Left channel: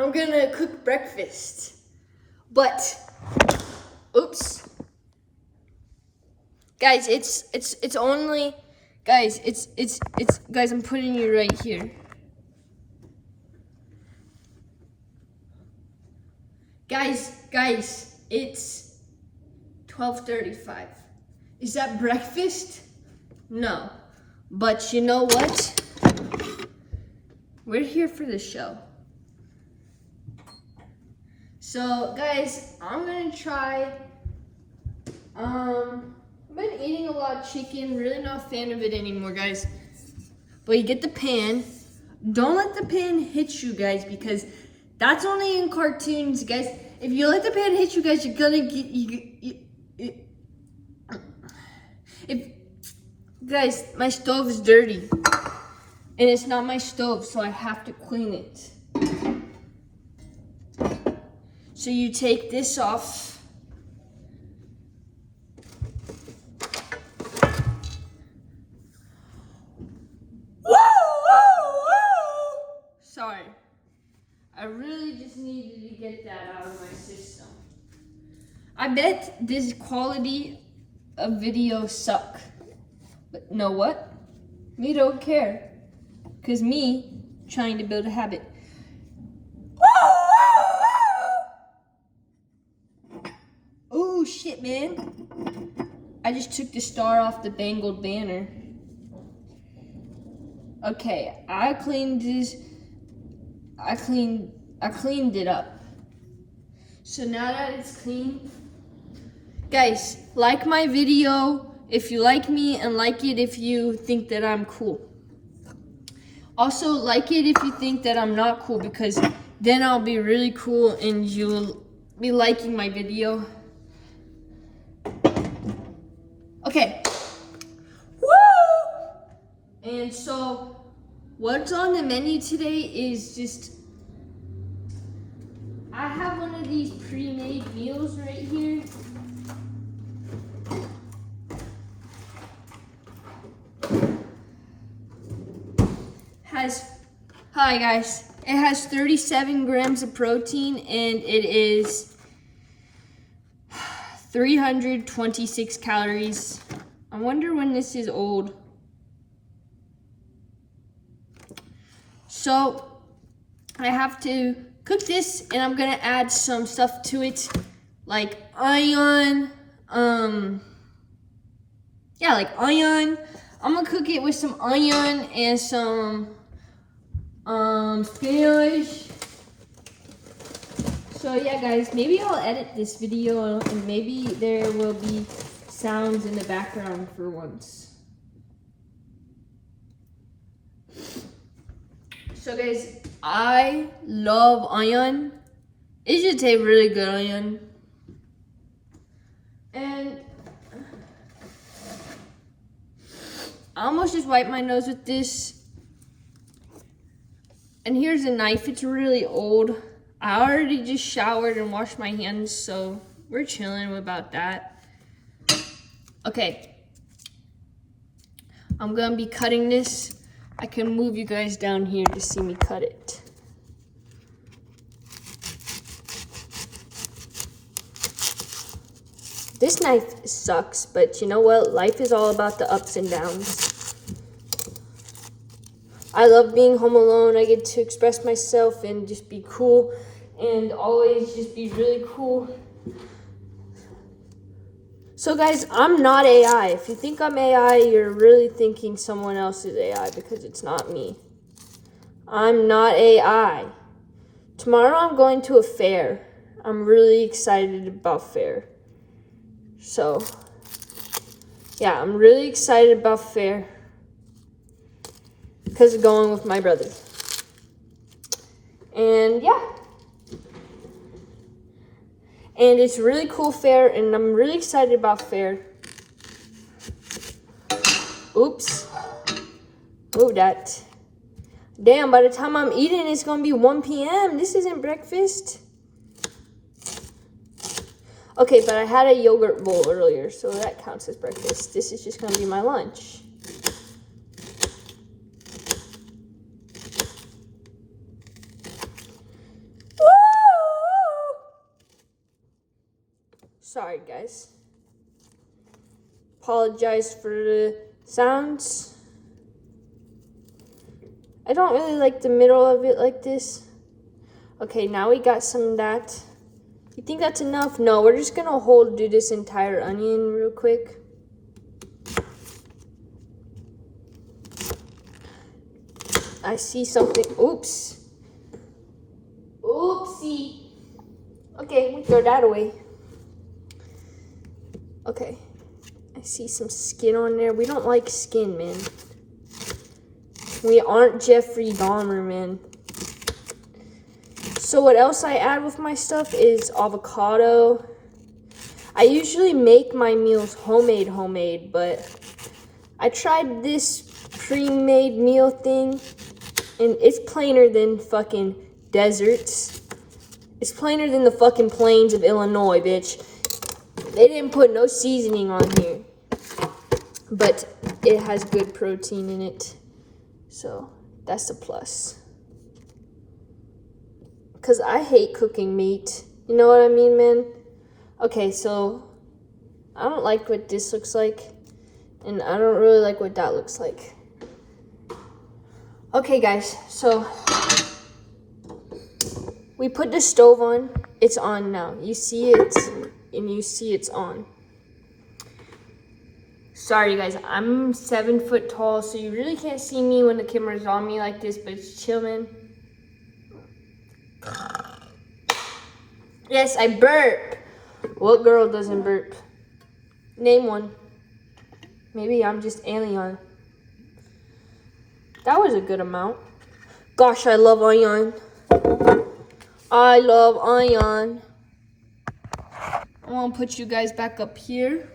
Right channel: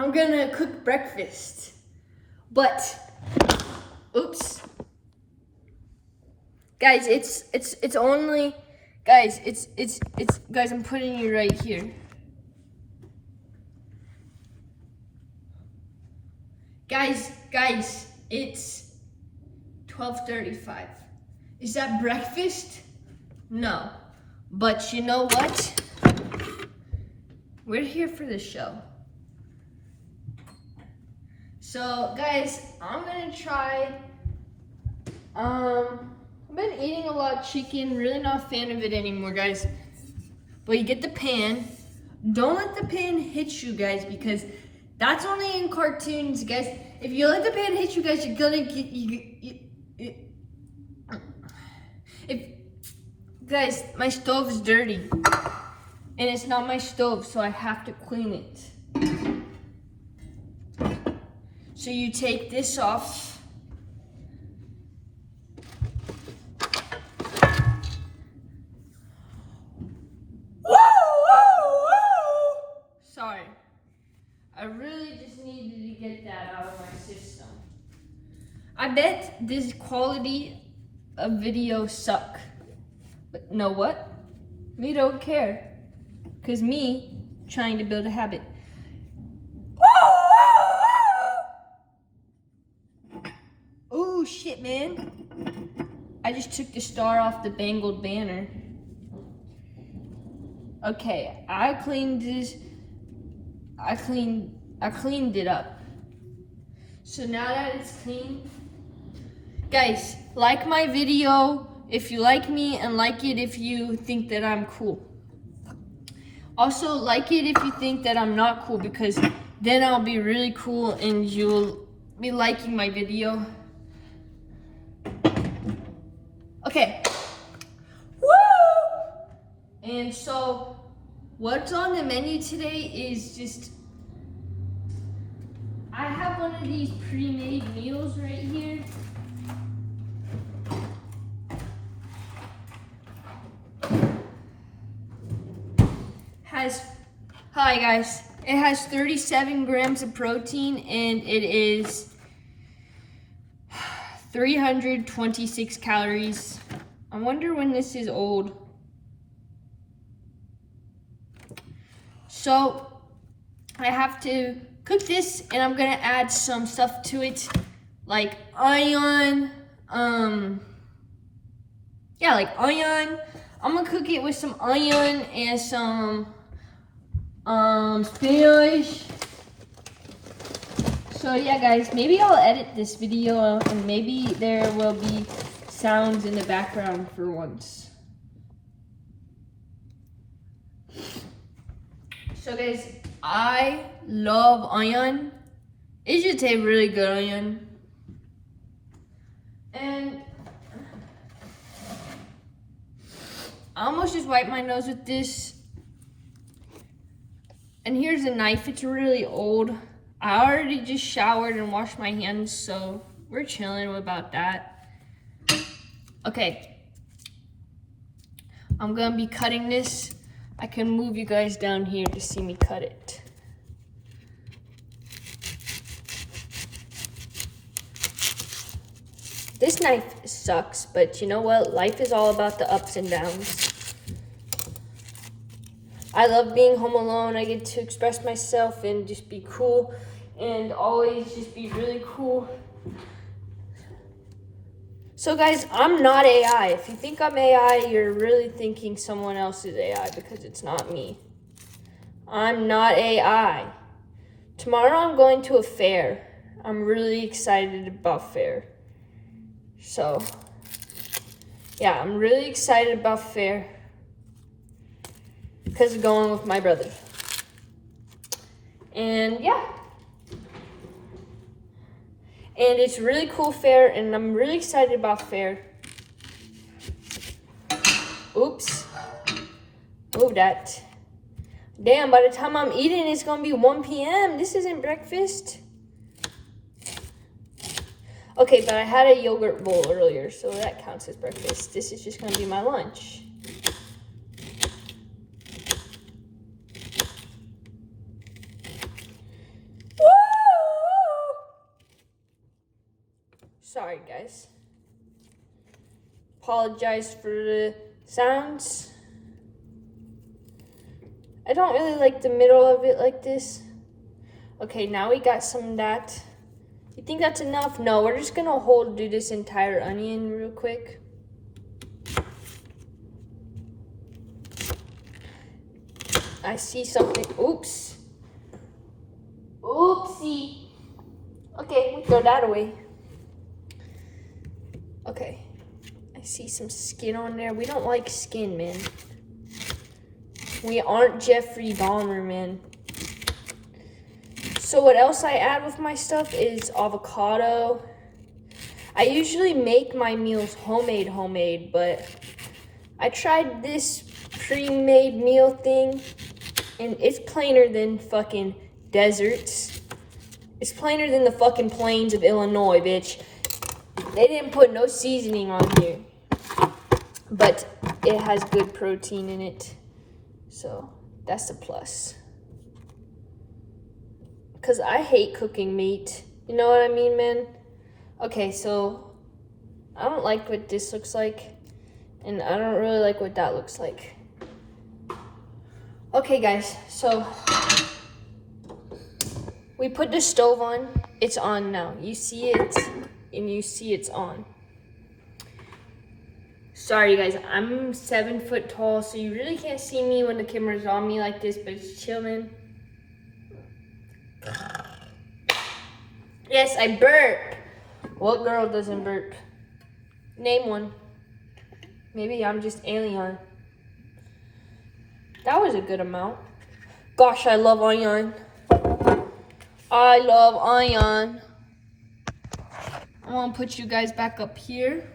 I'm gonna cook breakfast. But, oops. Guys, it's only, guys, guys, I'm putting you right here. Guys, it's 12:35. Is that breakfast? No. But you know what? We're here for the show. So, guys, I'm gonna try, I've been eating a lot of chicken, really not a fan of it anymore, guys. But you get the pan. Don't let the pan hit you, guys, because that's only in cartoons, guys. If you let the pan hit you, guys, you're gonna get, guys, my stove is dirty. And it's not my stove, so I have to clean it. So you take this off. Sorry. I really just needed to get that out of my system. I bet this quality of video suck. But know what? Me don't care. Cause me trying to build a habit. Oh shit, man. I just took the star off the Bengal banner. Okay, I cleaned this. I cleaned it up. So now that it's clean, guys, like my video if you like me, and like it if you think that I'm cool. Also, like it if you think that I'm not cool, because then I'll be really cool and you'll be liking my video. Okay. Woo! And so, what's on the menu today is just, I have one of these pre-made meals right here. Hi guys, it has 37 grams of protein and it is 326 calories. I wonder when this is old. So I have to cook this and I'm gonna add some stuff to it, like onion, like onion. I'm gonna cook it with some onion and some spinach. So yeah guys, maybe I'll edit this video and maybe there will be sounds in the background for once. So guys, I love onion. It should taste really good onion. And I almost just wiped my nose with this. And here's a knife, it's really old. I already just showered and washed my hands, so we're chilling about that. Okay. I'm gonna be cutting this. I can move you guys down here to see me cut it. This knife sucks, but you know what? Life is all about the ups and downs. I love being home alone. I get to express myself and just be cool and always just be really cool. So guys, I'm not AI. If you think I'm AI, you're really thinking someone else is AI because it's not me. I'm not AI. Tomorrow I'm going to a fair. I'm really excited about fair. So, yeah, I'm really excited about fair because of going with my brother. And yeah. And it's a really cool fair, and I'm really excited about fair. Oops. Move that. Damn, by the time I'm eating, it's gonna be 1 p.m. This isn't breakfast. Okay, but I had a yogurt bowl earlier, so that counts as breakfast. This is just gonna be my lunch. Sorry, guys. Apologize for the sounds. I don't really like the middle of it like this. Okay, now we got some of that. You think that's enough? No, we're just gonna do this entire onion real quick. I see something. Oops. Oopsie. Okay, we throw that away. Okay. I see some skin on there. We don't like skin, man. We aren't Jeffrey Dahmer, man. So what else I add with my stuff is avocado. I usually make my meals homemade, but I tried this pre-made meal thing, and it's plainer than fucking deserts. It's plainer than the fucking plains of Illinois, bitch. They didn't put no seasoning on here, but it has good protein in it, so that's a plus. Because I hate cooking meat. You know what I mean, man? Okay, so I don't like what this looks like, and I don't really like what that looks like. Okay, guys, so we put the stove on. It's on now. You see it, and you see it's on. Sorry, guys, I'm 7 foot tall, so you really can't see me when the camera's on me like this, but it's chilling. Yes, I burp. What girl doesn't burp? Name one. Maybe I'm just alien. That was a good amount. Gosh, I love onion. I love onion. I want to put you guys back up here.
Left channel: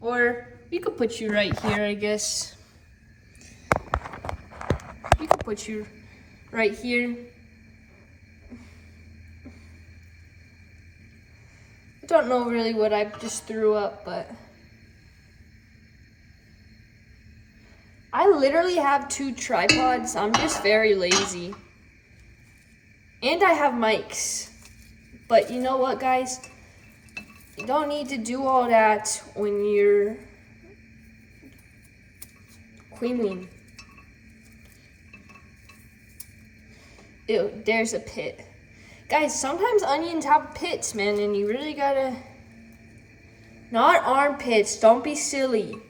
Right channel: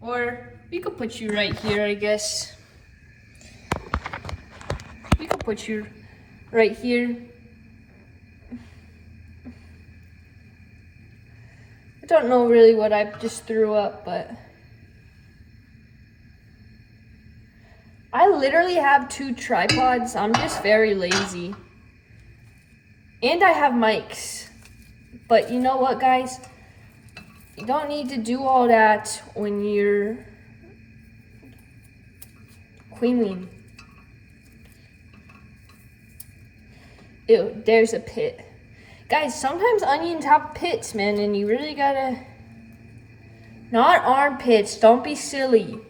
Or we could put you right here, I guess. We could put you right here. I don't know really what I just threw up, but I literally have 2 tripods. I'm just very lazy. And I have mics. But you know what, guys? You don't need to do all that when you're qweenween. Ew, there's a pit. Guys, sometimes onions have pits, man, and you really gotta... Not armpits, don't be silly.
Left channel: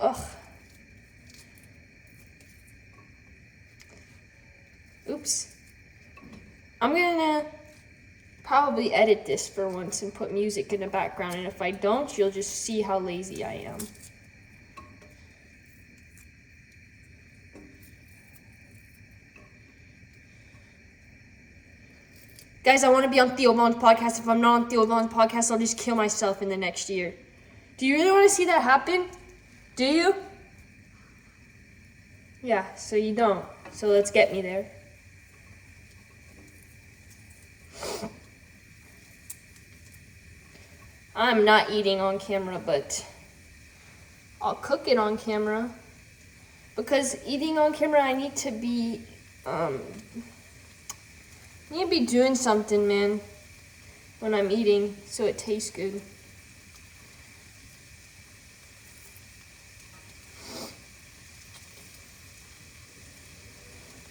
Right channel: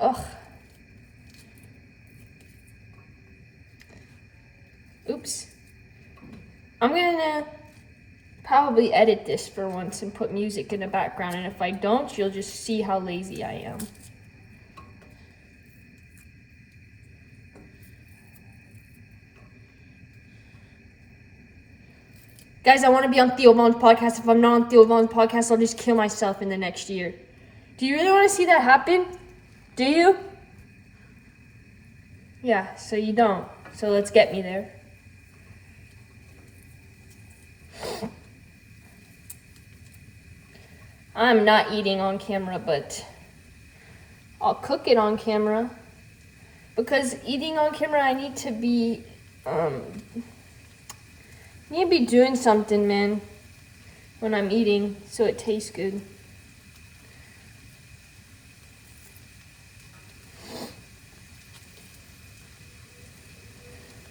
Ugh. Oops. I'm gonna probably edit this for once and put music in the background, and if I don't, you'll just see how lazy I am. Guys, I want to be on Theo Vaughn's podcast. If I'm not on Theo Vaughn's podcast, I'll just kill myself in the next year. Do you really want to see that happen? Do you? Yeah, so you don't. So let's get me there. I'm not eating on camera, but I'll cook it on camera. Because eating on camera, I need to be, doing something, man, when I'm eating, so it tastes good.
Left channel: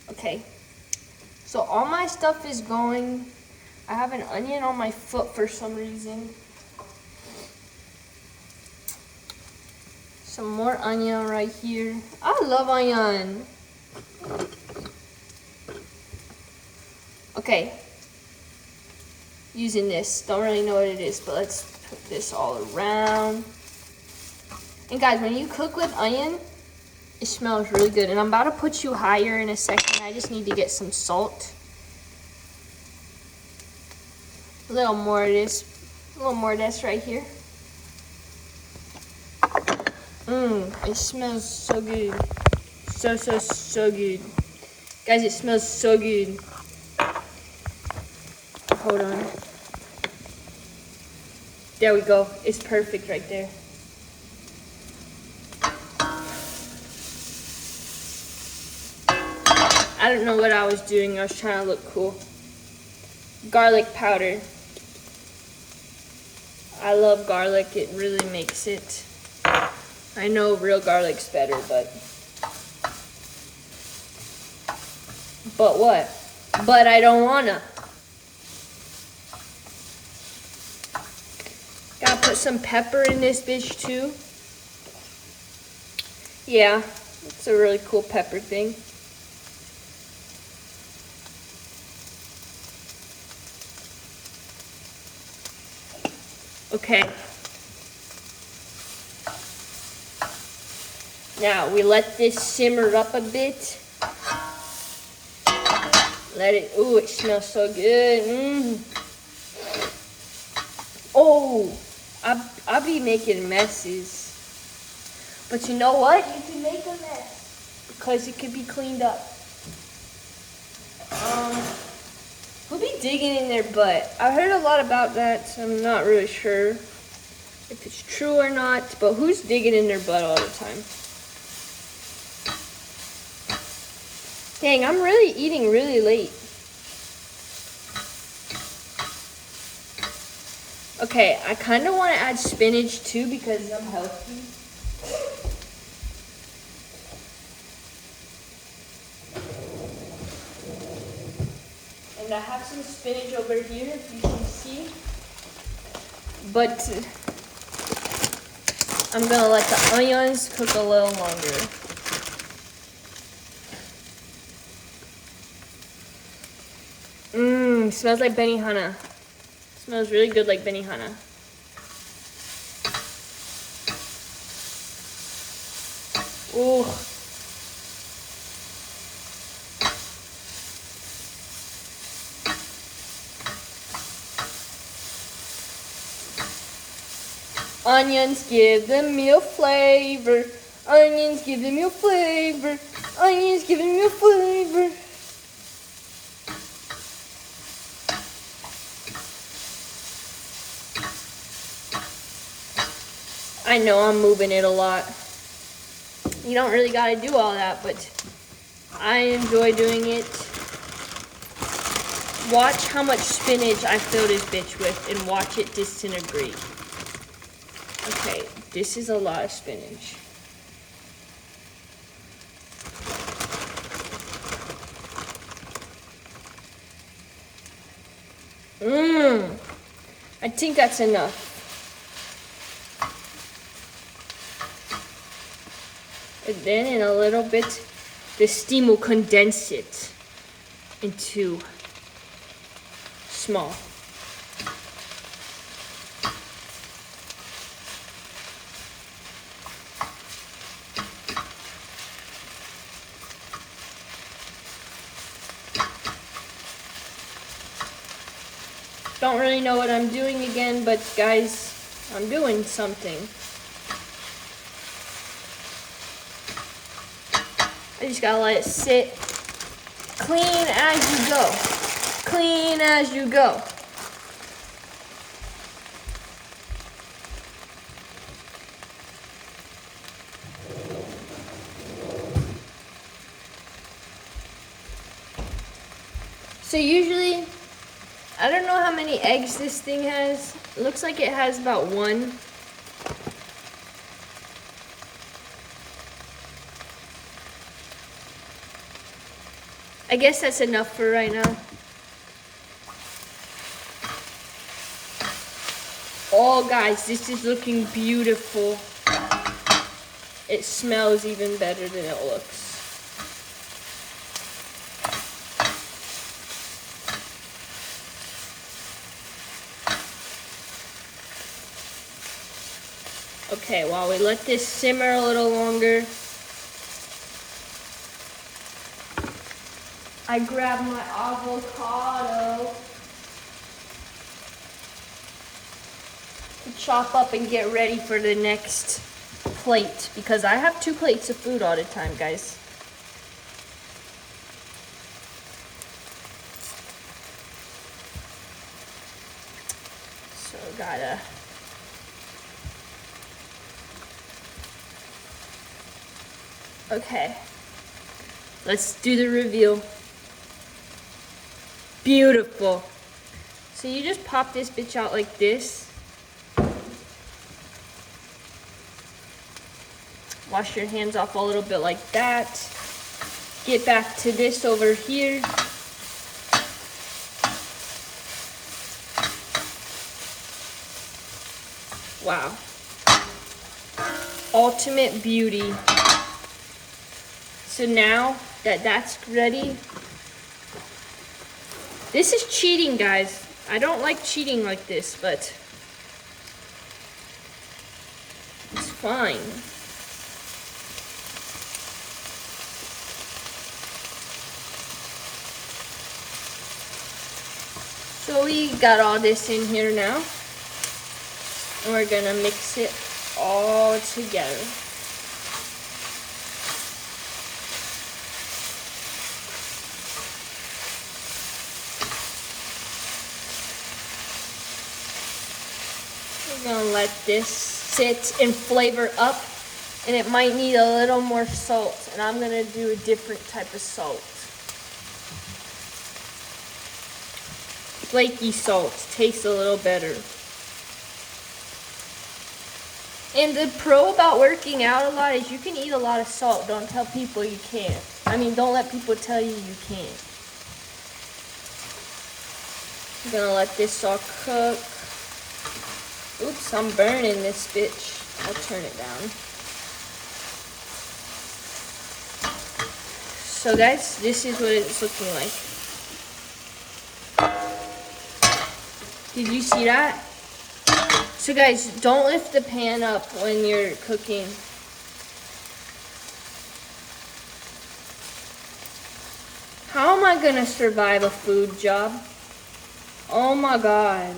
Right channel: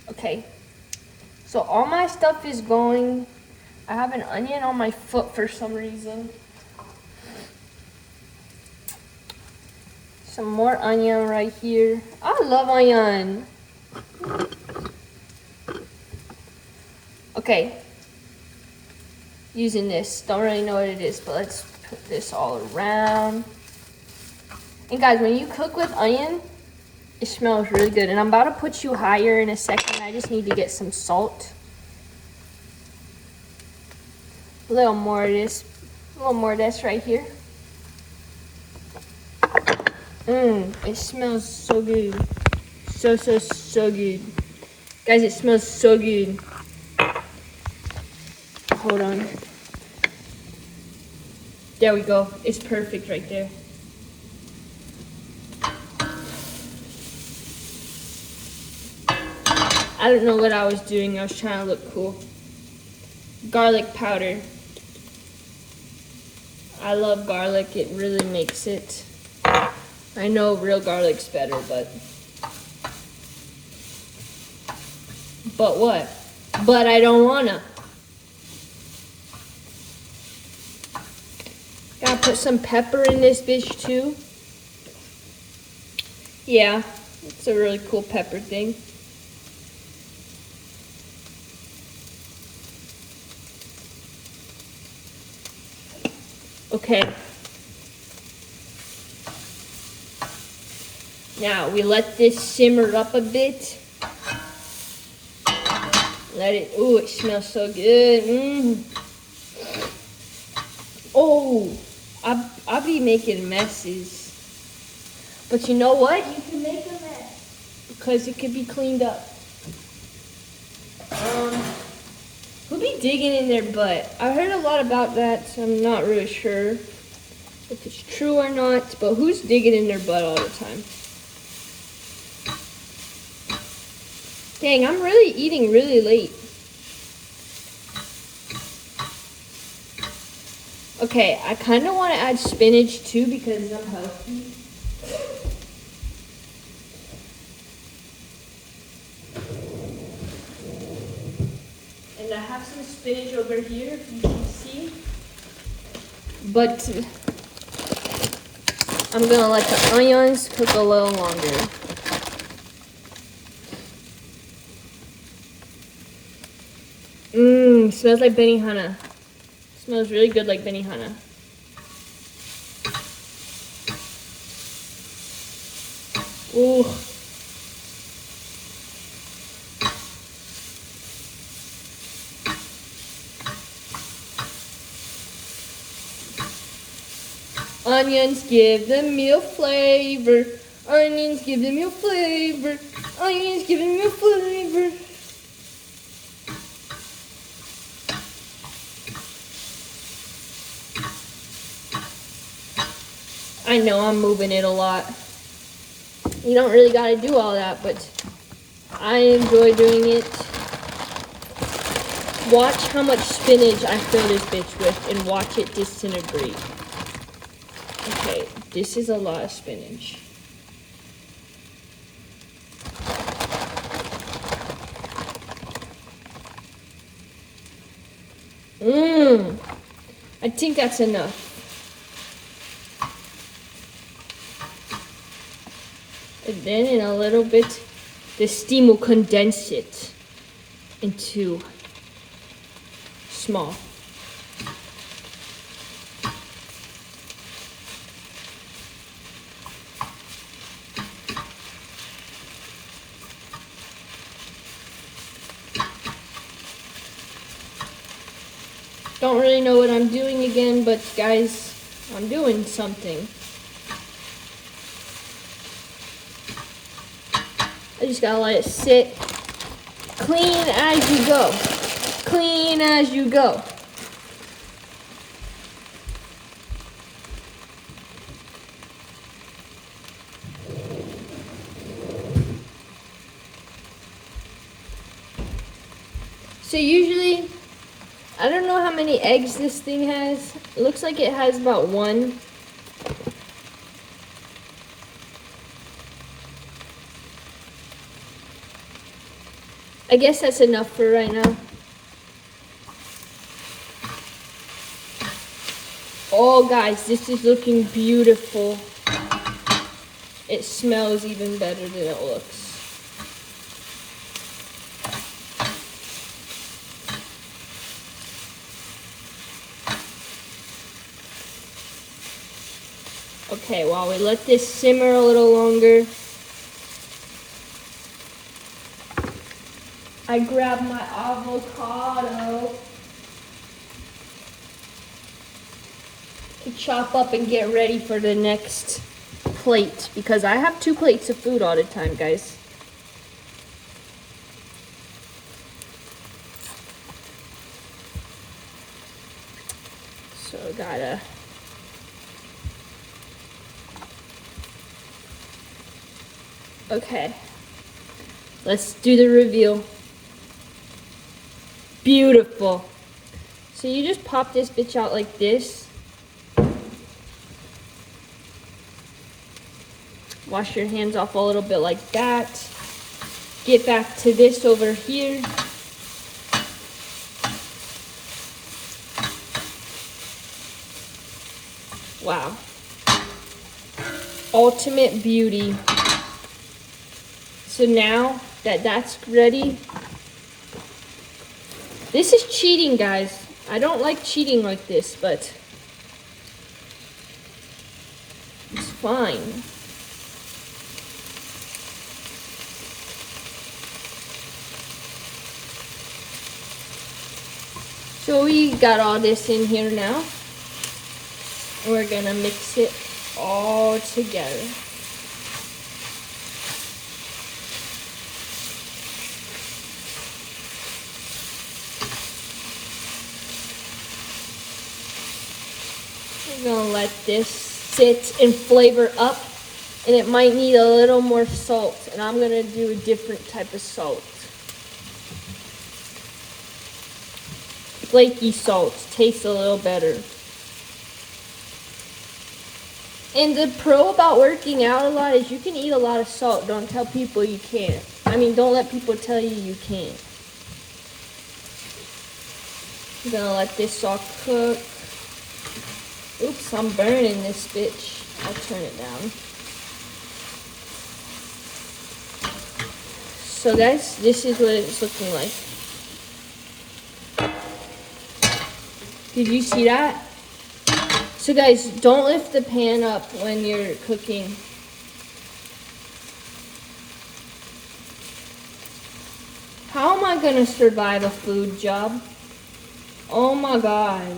Okay, so all my stuff is going. I have an onion on my foot for some reason. Some more onion right here. I love onion. Okay, using this. Don't really know what it is, but let's put this all around. And guys, when you cook with onion, it smells really good. And I'm about to put you higher in a second. I just need to get some salt. A little more of this. A little more of this right here. It smells so good. So good. Guys, it smells so good. Hold on. There we go. It's perfect right there. I don't know what I was doing. I was trying to look cool. Garlic powder. I love garlic. It really makes it. I know real garlic's better, but what? But I don't wanna. Gotta put some pepper in this bitch too. Yeah, it's a really cool pepper thing. Okay. Now we let this simmer up a bit. Let it, ooh, it smells so good. Oh, I'll be making messes. But you know what? You can make a mess because it could be cleaned up. Who be digging in their butt? I heard a lot about that, so I'm not really sure if it's true or not, but who's digging in their butt all the time? Dang, I'm really eating really late. Okay, I kind of want to add spinach too because I'm healthy. And I have some spinach over here, if you can see. But I'm gonna let the onions cook a little longer. Smells like benihana. Smells really good like benihana. Ooh. Onions give the meal flavor. Onions give the meal flavor. Onions give the meal flavor. I know I'm moving it a lot. You don't really gotta do all that, but I enjoy doing it. Watch how much spinach I fill this bitch with and watch it disintegrate. Okay, this is a lot of spinach. I think that's enough. And then in a little bit, the steam will condense it into small. Don't really know what I'm doing again, but guys, I'm doing something. I just gotta let it sit. Clean as you go. Clean as you go. So usually, I don't know how many eggs this thing has. It looks like it has about 1. I guess that's enough for right now. Oh guys, this is looking beautiful. It smells even better than it looks. Okay, while we let this simmer a little longer, I grab my avocado to chop up and get ready for the next plate because I have 2 plates of food all the time, guys. So gotta okay. Let's do the reveal. Beautiful. So you just pop this bitch out like this. Wash your hands off a little bit like that. Get back to this over here. Wow. Ultimate beauty. So now that that's ready, this is cheating, guys. I don't like cheating like this, but it's fine. So we got all this in here now, and we're gonna mix it all together. We're gonna let this sit and flavor up, and it might need a little more salt, and I'm gonna do a different type of salt. Flaky salt tastes a little better. And the pro about working out a lot is you can eat a lot of salt. Don't tell people you can't. I mean, don't let people tell you you can't. I'm gonna let this all cook. Oops, I'm burning this bitch. I'll turn it down. So guys, this is what it's looking like. Did you see that? So guys, don't lift the pan up when you're cooking. How am I gonna survive a food job? Oh my God.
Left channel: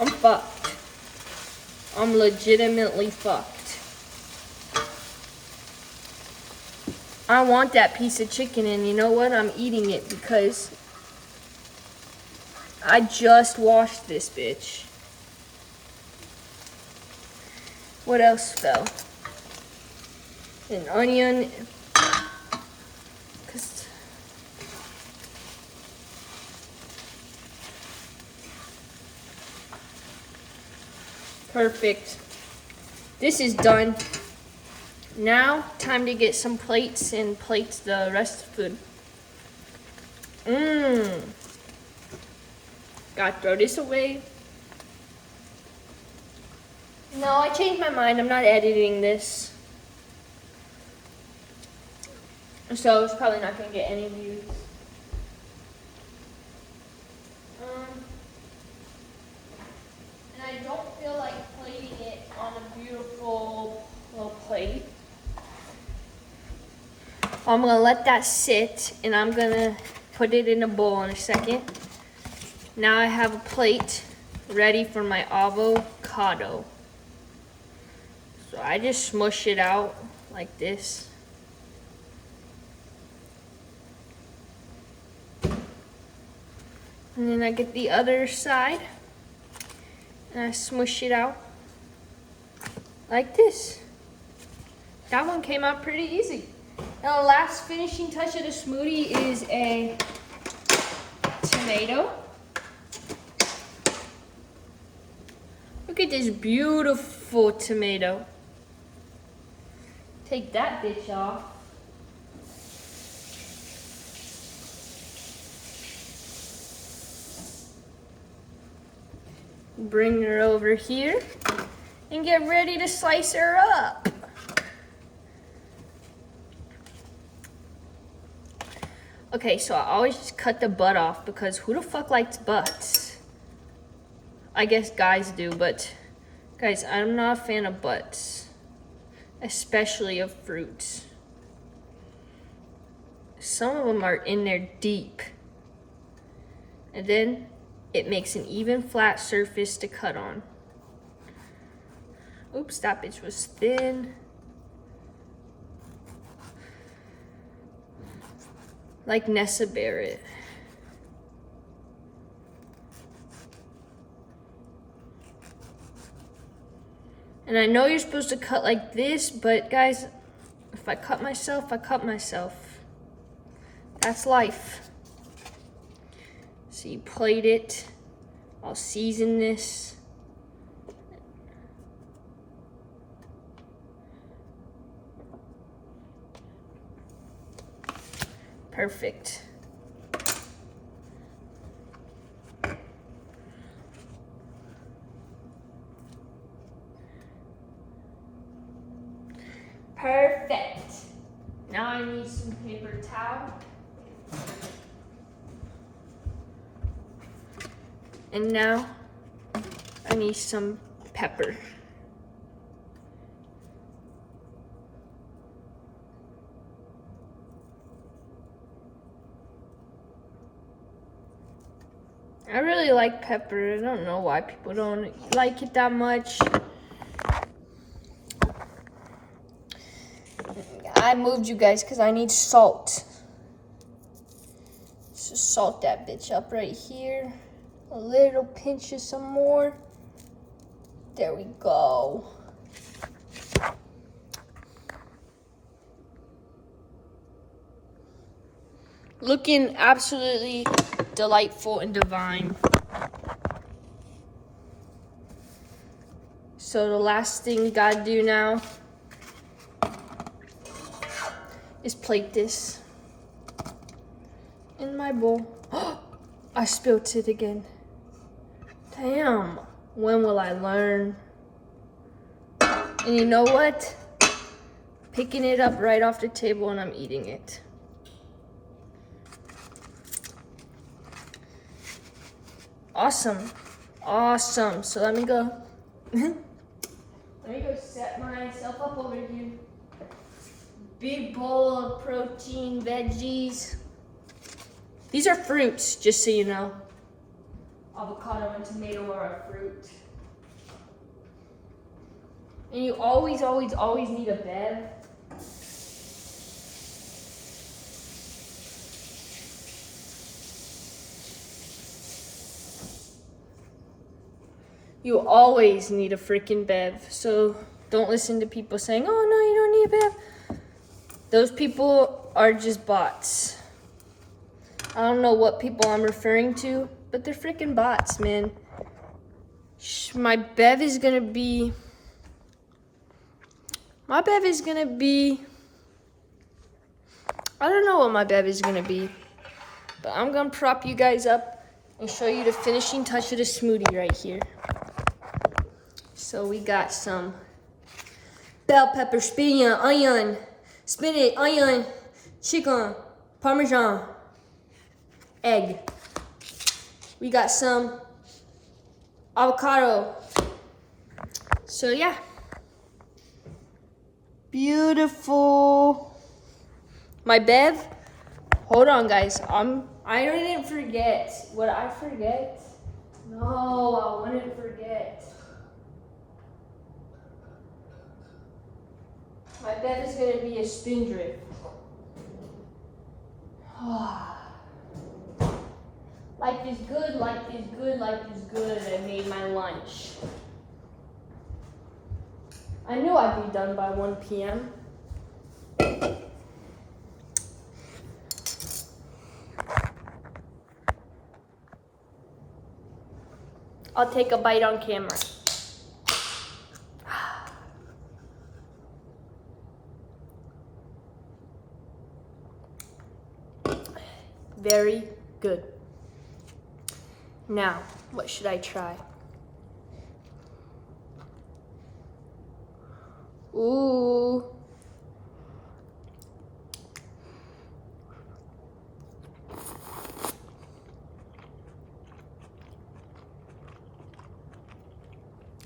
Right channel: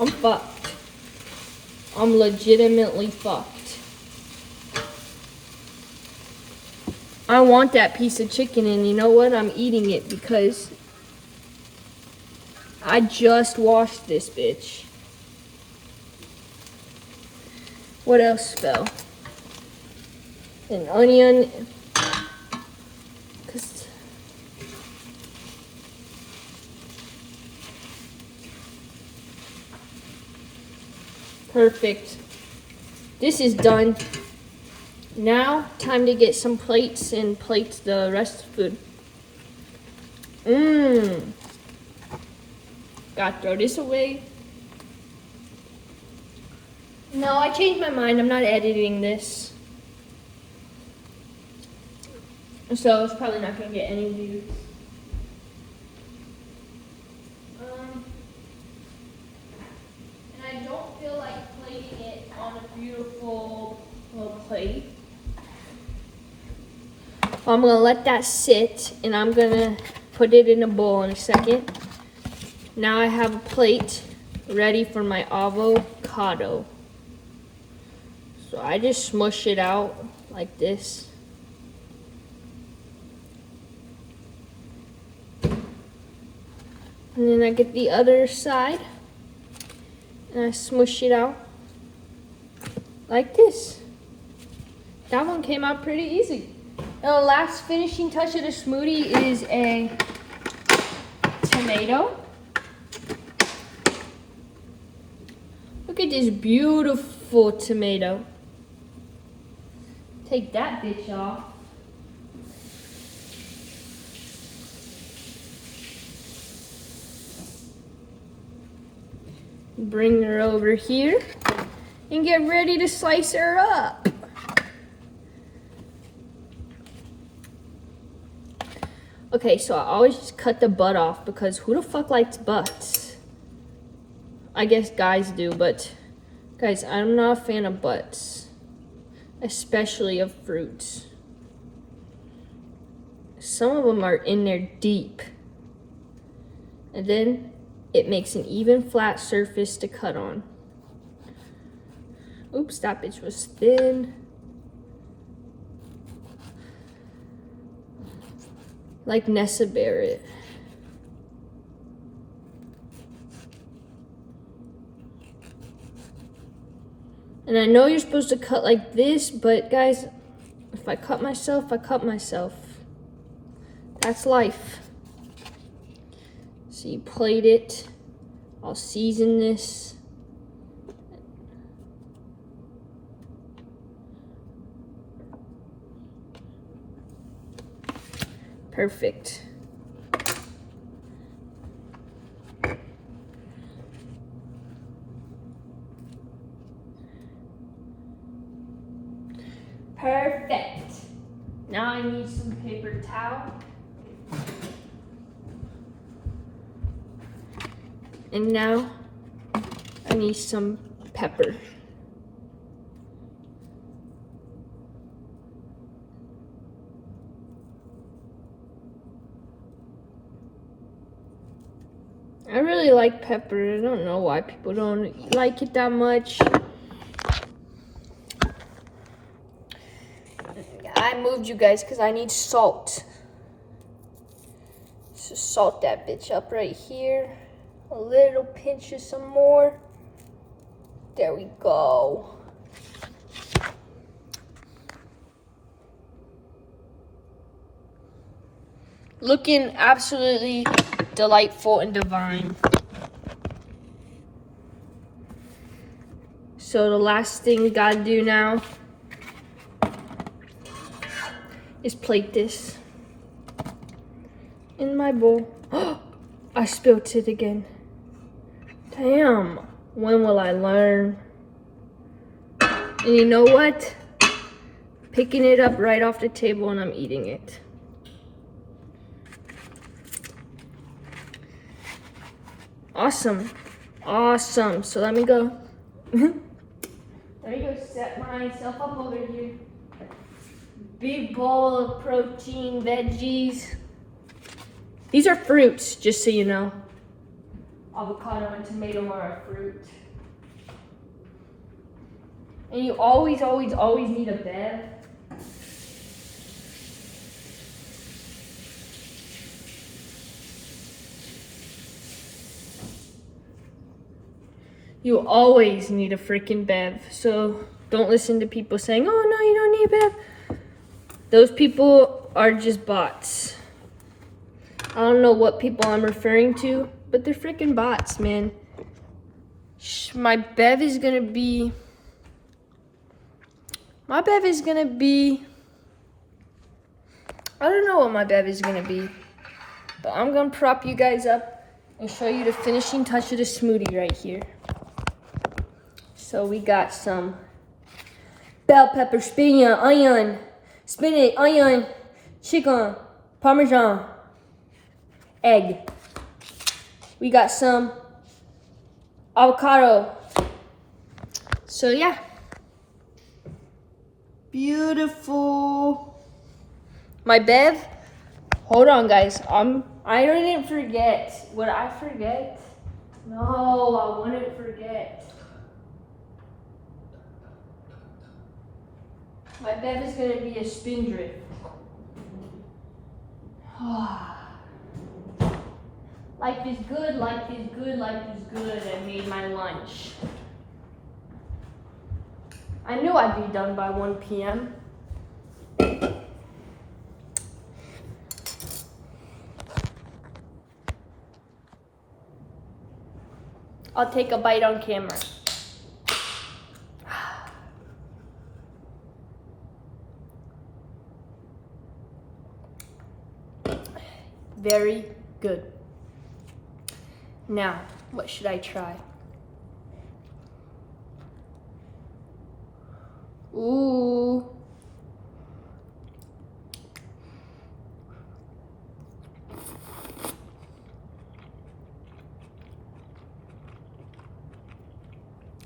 I'm fucked. I'm legitimately fucked. I want that piece of chicken, and you know what? I'm eating it because I just washed this bitch. What else fell? An onion. Perfect. This is done. Now, time to get some plates and plate the rest of the food. Gotta throw this away. No, I changed my mind. I'm not editing this. So it's probably not gonna get any views. And I don't feel like plating it on a beautiful little plate. I'm gonna let that sit, and I'm gonna put it in a bowl in a second. Now I have a plate ready for my avocado. So I just smush it out like this. And then I get the other side and I smush it out like this. That one came out pretty easy. Now the last finishing touch of the smoothie is a tomato. Look at this beautiful tomato. Take that bitch off. Bring her over here and get ready to slice her up. Okay, so I always just cut the butt off because who the fuck likes butts? I guess guys do, but guys, I'm not a fan of butts, especially of fruits. Some of them are in there deep. And then it makes an even flat surface to cut on. Oops, that bitch was thin. Like Nessa Barrett. And I know you're supposed to cut like this, but guys, if I cut myself, I cut myself. That's life. So you plate it. I'll season this. Perfect. Perfect. Now I need some paper towel. And now I need some pepper. I really like pepper. I don't know why people don't like it that much. I moved you guys because I need salt. So salt that bitch up right here. A little pinch of some more. There we go. Looking absolutely delightful and divine. So the last thing we gotta do now is plate this in my bowl. I spilled it again. Damn, when will I learn? And you know what? Picking it up right off the table and I'm eating it. Awesome, awesome. So let me go. Let me go set myself up over here. Big bowl of protein, veggies. These are fruits, just so you know. Avocado and tomato are a fruit. And you always need a bev. You always need a freaking bev. So don't listen to people saying, oh no, you don't need a bev. Those people are just bots. I don't know what people I'm referring to, but they're freaking bots, man. My bev is gonna be, I don't know what my bev is gonna be, but I'm gonna prop you guys up and show you the finishing touch of the smoothie right here. So we got some bell pepper, spinach, onion, chicken, parmesan, egg. We got some avocado. So yeah. Beautiful. My bev. Hold on, guys. I didn't forget. Would I forget? No, I wouldn't forget. My bev is gonna be a spin drip. Life is good, life is good, life is good. I made my lunch. I knew I'd be done by 1 p.m. I'll take a bite on camera. Very good. Now, what should I try? Ooh.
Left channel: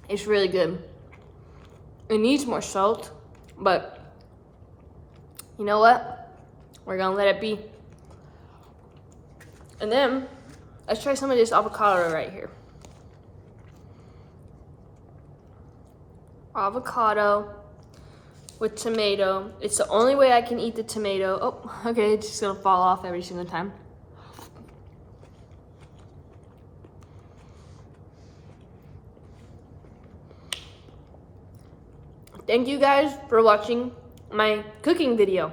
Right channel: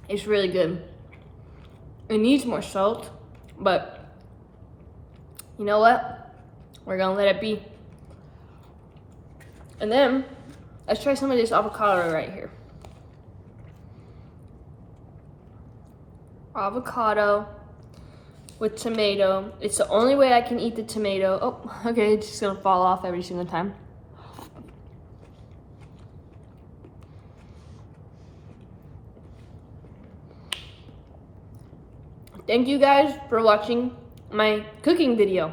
It's really good. It needs more salt, but you know what? We're gonna let it be. And then, let's try some of this avocado right here. Avocado with tomato. It's the only way I can eat the tomato. Oh, okay, it's just gonna fall off every single time. Thank you guys for watching my cooking video.